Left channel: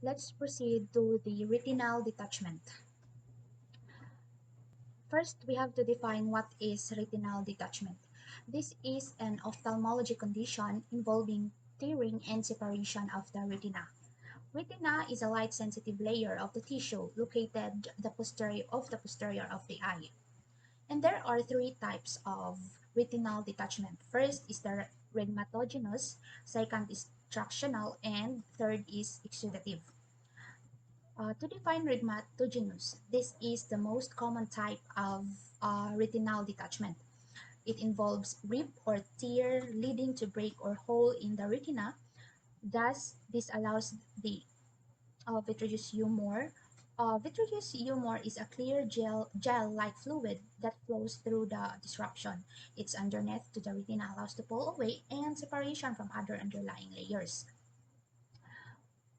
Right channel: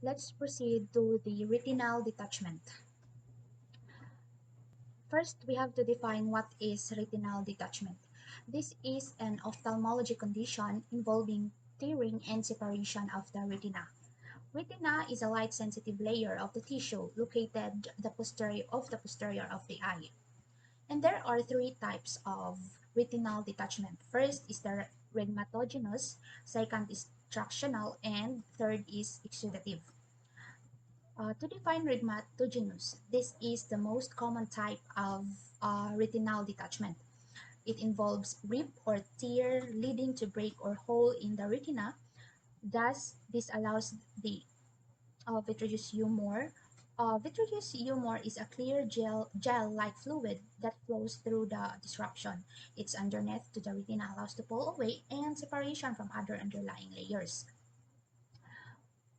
Let's proceed to the retinal detachment. First, we have to define what is retinal detachment. This is an ophthalmology condition involving tearing and separation of the retina. Retina is a light-sensitive layer of the tissue located the posterior of the eye. And there are three types of retinal detachment. First is the rhegmatogenous, second is tractional, and third is exudative. To define rhegmatogenous, this is the most common type of retinal detachment. It involves rip or tear leading to break or hole in the retina. Thus, this allows the vitreous humor. Vitreous humor is a clear gel-like fluid that flows through the disruption. Its underneath to the retina allows to pull away and separation from other underlying layers.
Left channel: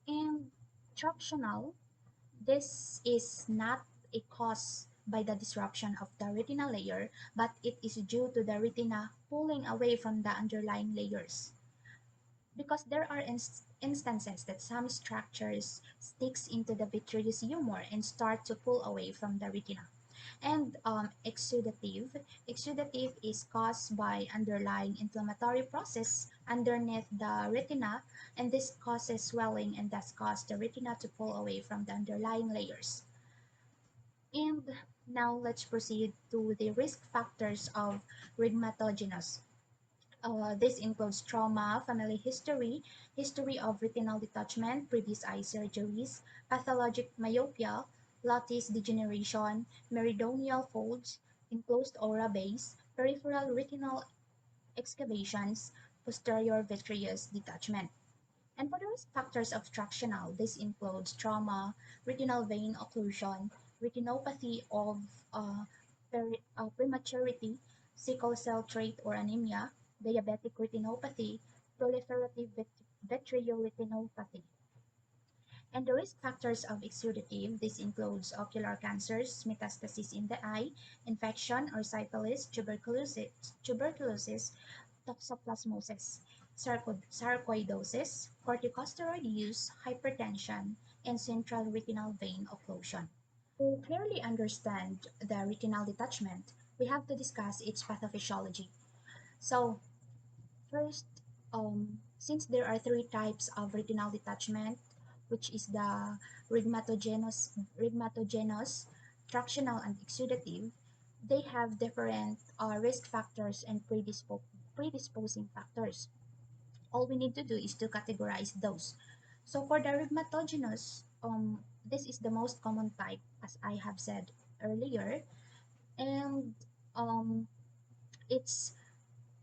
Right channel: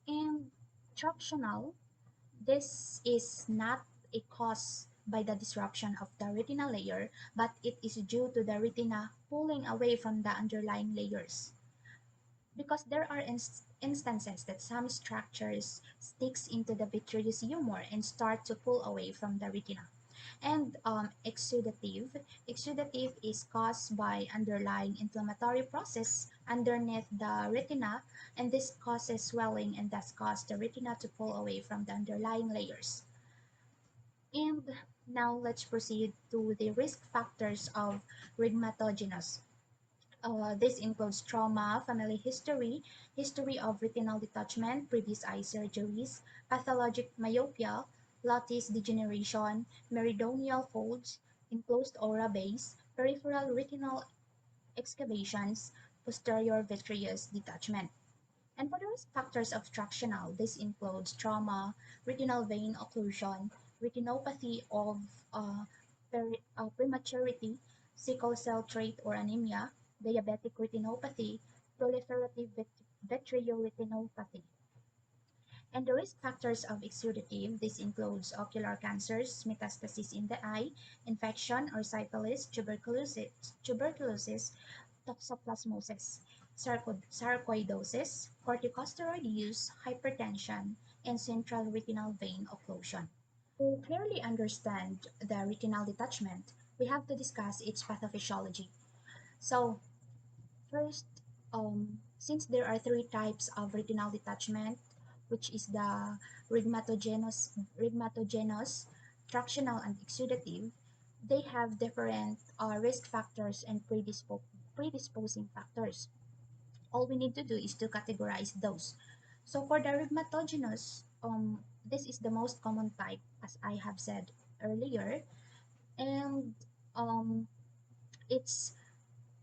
And tractional, this is not a cause by the disruption of the retina layer, but it is due to the retina pulling away from the underlying layers. Because there are instances that some structures sticks into the vitreous humor and start to pull away from the retina. And exudative is caused by underlying inflammatory process underneath the retina, and this causes swelling and thus cause the retina to pull away from the underlying layers. And now let's proceed to the risk factors of rhegmatogenous. This includes trauma, family history, history of retinal detachment, previous eye surgeries, pathologic myopia, lattice degeneration, meridianal folds, enclosed aura base, peripheral retinal excavations, posterior vitreous detachment. And for the risk factors of tractional, this includes trauma, retinal vein occlusion, retinopathy of prematurity, sickle cell trait or anemia, diabetic retinopathy, proliferative vitreoretinopathy. And the risk factors of exudative, this includes ocular cancers, metastasis in the eye, infection or syphilis, tuberculosis, toxoplasmosis, sarcoidosis, corticosteroid use, hypertension, and central retinal vein occlusion. To clearly understand the retinal detachment, we have to discuss its pathophysiology. So, first, since there are three types of retinal detachment, which is the rhegmatogenous, tractional, and exudative, they have different risk factors and predisposing factors. All we need to do is to categorize those. So for the rhegmatogenous, this is the most common type, as I have said earlier, and um, its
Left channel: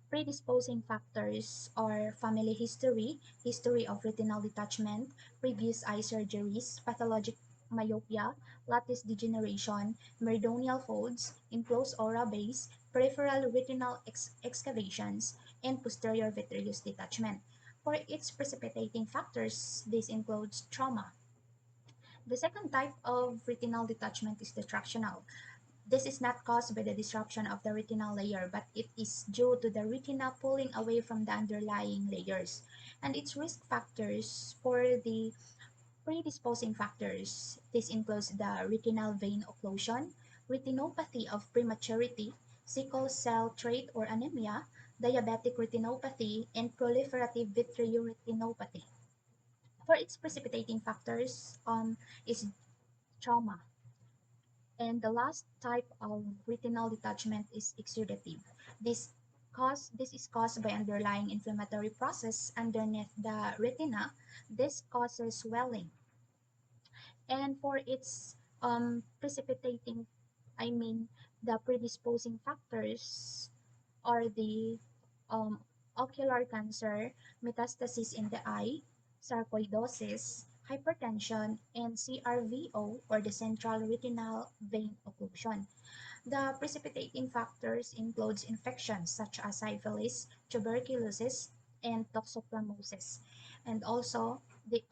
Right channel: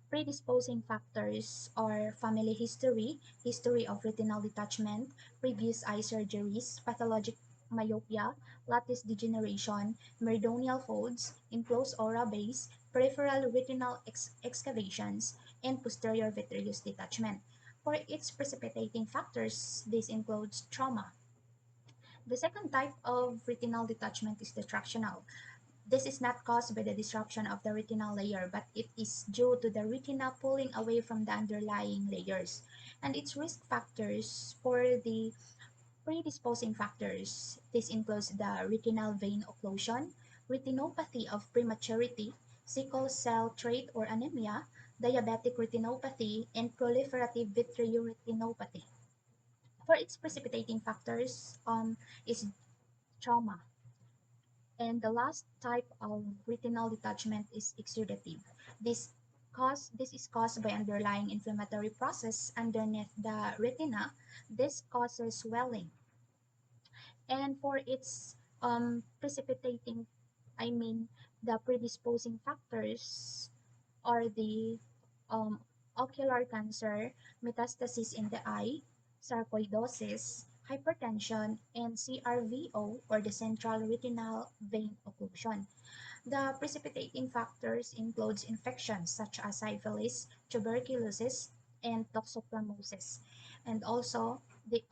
predisposing factors are family history, history of retinal detachment, previous eye surgeries, pathologic myopia, lattice degeneration, meridianal folds, enclosed aura base, peripheral retinal excavations, and posterior vitreous detachment. For its precipitating factors, this includes trauma. The second type of retinal detachment is the tractional. This is not caused by the disruption of the retinal layer, but it is due to the retina pulling away from the underlying layers. And its risk factors for the predisposing factors, this includes the retinal vein occlusion, retinopathy of prematurity, sickle cell trait or anemia, diabetic retinopathy, and proliferative vitreoretinopathy. For its precipitating factors is trauma. And the last type of retinal detachment is exudative. This is caused by underlying inflammatory process underneath the retina. This causes swelling. And for its precipitating, I mean, the predisposing factors are the um, ocular cancer, metastasis in the eye, sarcoidosis, hypertension, and CRVO or the central retinal vein occlusion. The precipitating factors includes infections such as syphilis, tuberculosis, and toxoplasmosis. And also, the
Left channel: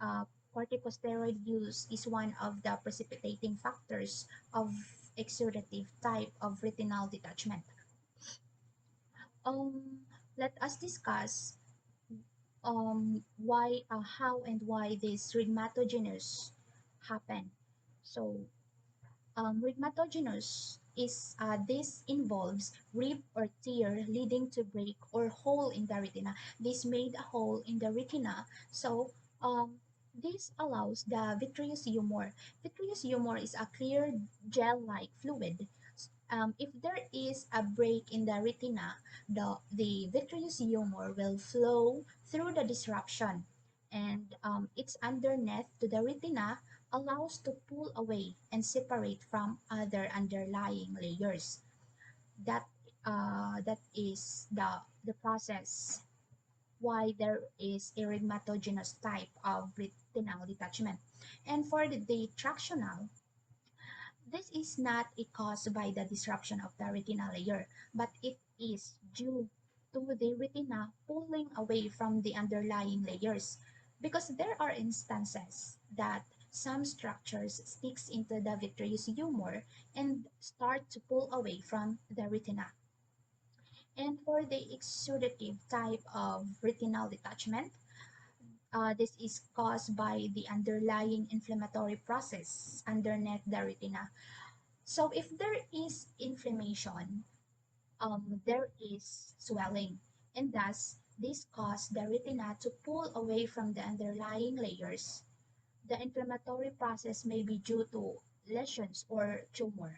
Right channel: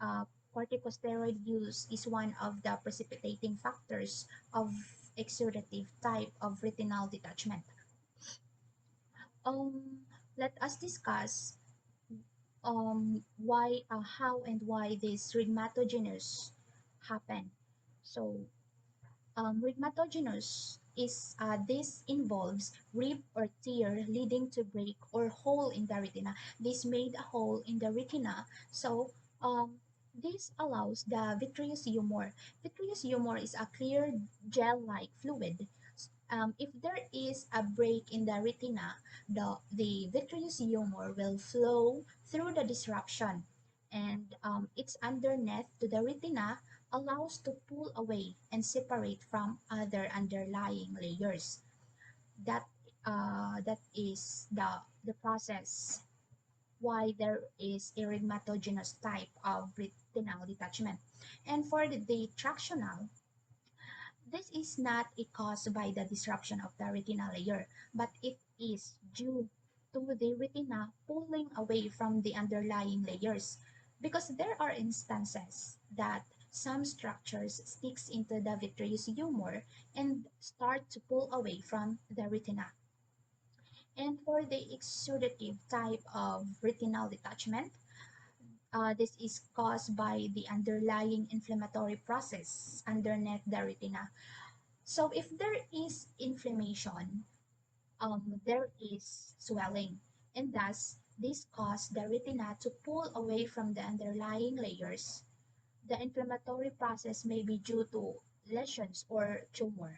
corticosteroid use is one of the precipitating factors of exudative type of retinal detachment. Um, Let us discuss why how and why this rheumatogenius happen. So rheumatogenius is this involves rip or tear leading to break or hole in the retina. This made a hole in the retina. So um, this allows the vitreous humor. Vitreous humor is a clear gel-like fluid. If there is a break in the retina, the vitreous humor will flow through the disruption, and its underneath to the retina allows to pull away and separate from other underlying layers. That that is the process why there is a rheumatogenious type of retinal detachment. And for the tractional, this is not a cause by the disruption of the retinal layer, but it is due to the retina pulling away from the underlying layers, because there are instances that some structures sticks into the vitreous humor and start to pull away from the retina. And for the exudative type of retinal detachment, this is caused by the underlying inflammatory process underneath the retina. So if there is inflammation, there is swelling, and thus this causes the retina to pull away from the underlying layers. The inflammatory process may be due to lesions or tumor,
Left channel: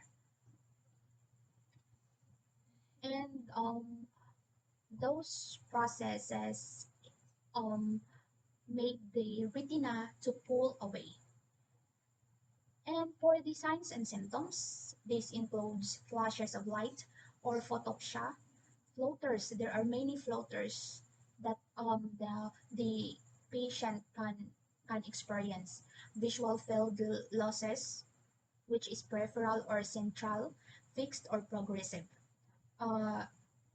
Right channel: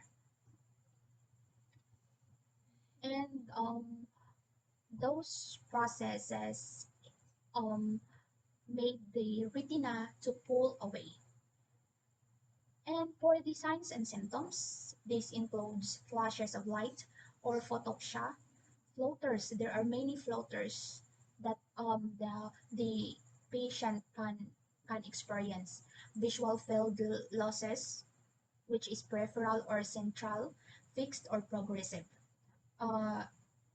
and those processes um, make the retina to pull away. And for the signs and symptoms, this includes flashes of light or photopsia, floaters. There are many floaters that the patient can experience. Visual field losses, which is peripheral or central, fixed or progressive. uh,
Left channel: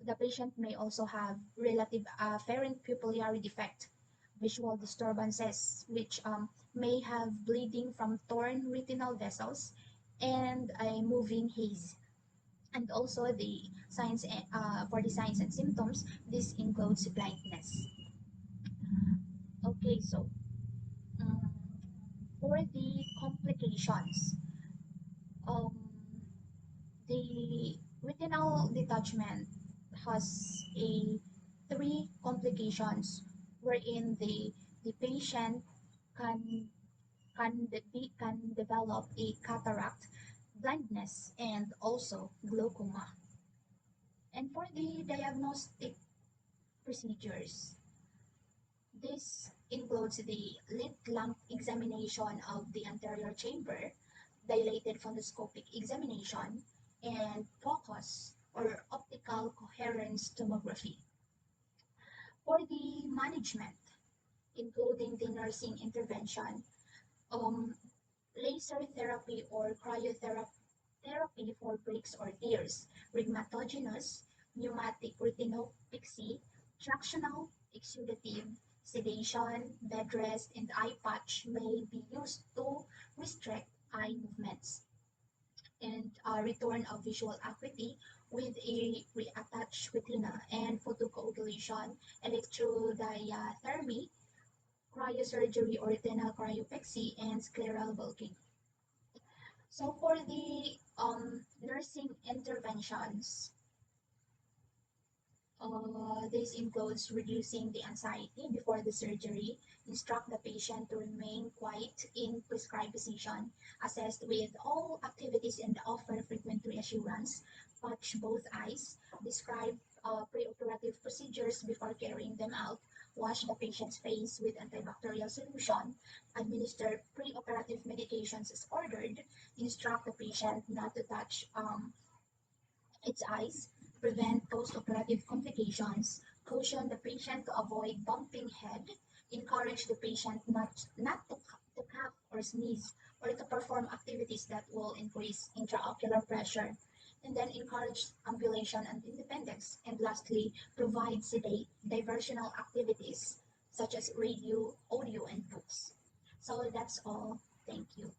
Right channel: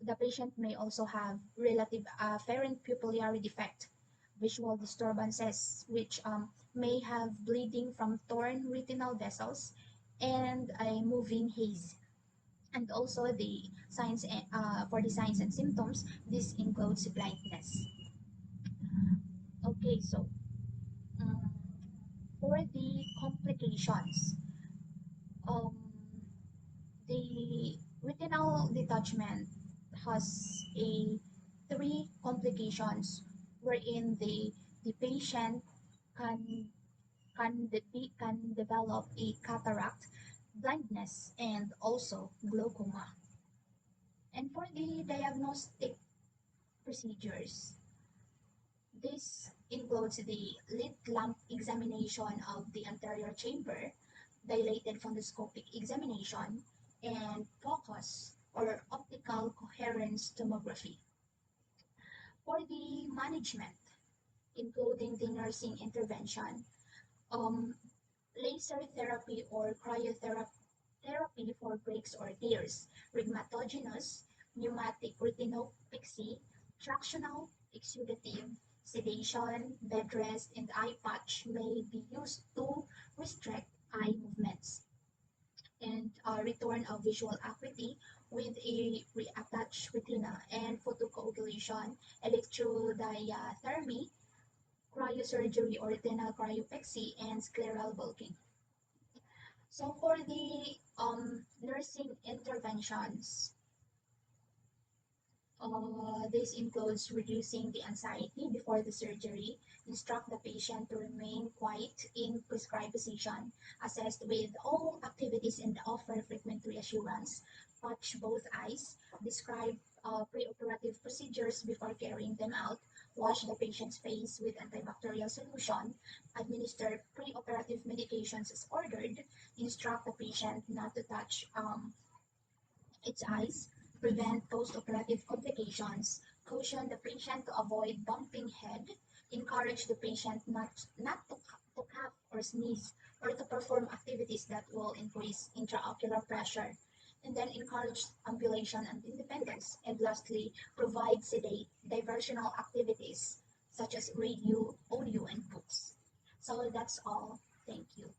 the patient may also have relative afferent pupillary defect, visual disturbances, which may have bleeding from torn retinal vessels, and a moving haze. And also the signs for the signs and symptoms, this includes blindness. Okay, so um, for the complications, um, the retinal detachment has a three complications wherein the patient can can develop a cataract, blindness, and also glaucoma. And for the diagnostic procedures, this includes the slit lamp examination of the anterior chamber, dilated fundoscopic examination, and focus or optical coherence tomography. For the management, including the nursing intervention, um, laser therapy or cryotherapy for breaks or tears, rheumatogenius, pneumatic retinopexy, tractional, exudative, sedation, bed rest, and eye patch may be used to restrict eye movements, and return of visual acuity with a reattached retina, and photocoagulation, electrodiathermy, cryosurgery or retinal cryopexy, and scleral bulking. So for the nursing interventions, this includes reducing the anxiety before the surgery, instruct the patient to remain quiet in prescribed position, assist with all activities and offer frequent reassurance, patch both eyes, describe preoperative procedures before carrying them out, wash the patient's face with antibacterial solution, administer preoperative medications as ordered, instruct the patient not to touch its eyes, prevent post-operative complications, caution the patient to avoid bumping head, encourage the patient not to cough or sneeze, or to perform activities that will increase intraocular pressure, and then encourage ambulation and independence. And lastly, provide sedate diversional activities such as radio, audio, and books. So that's all. Thank you.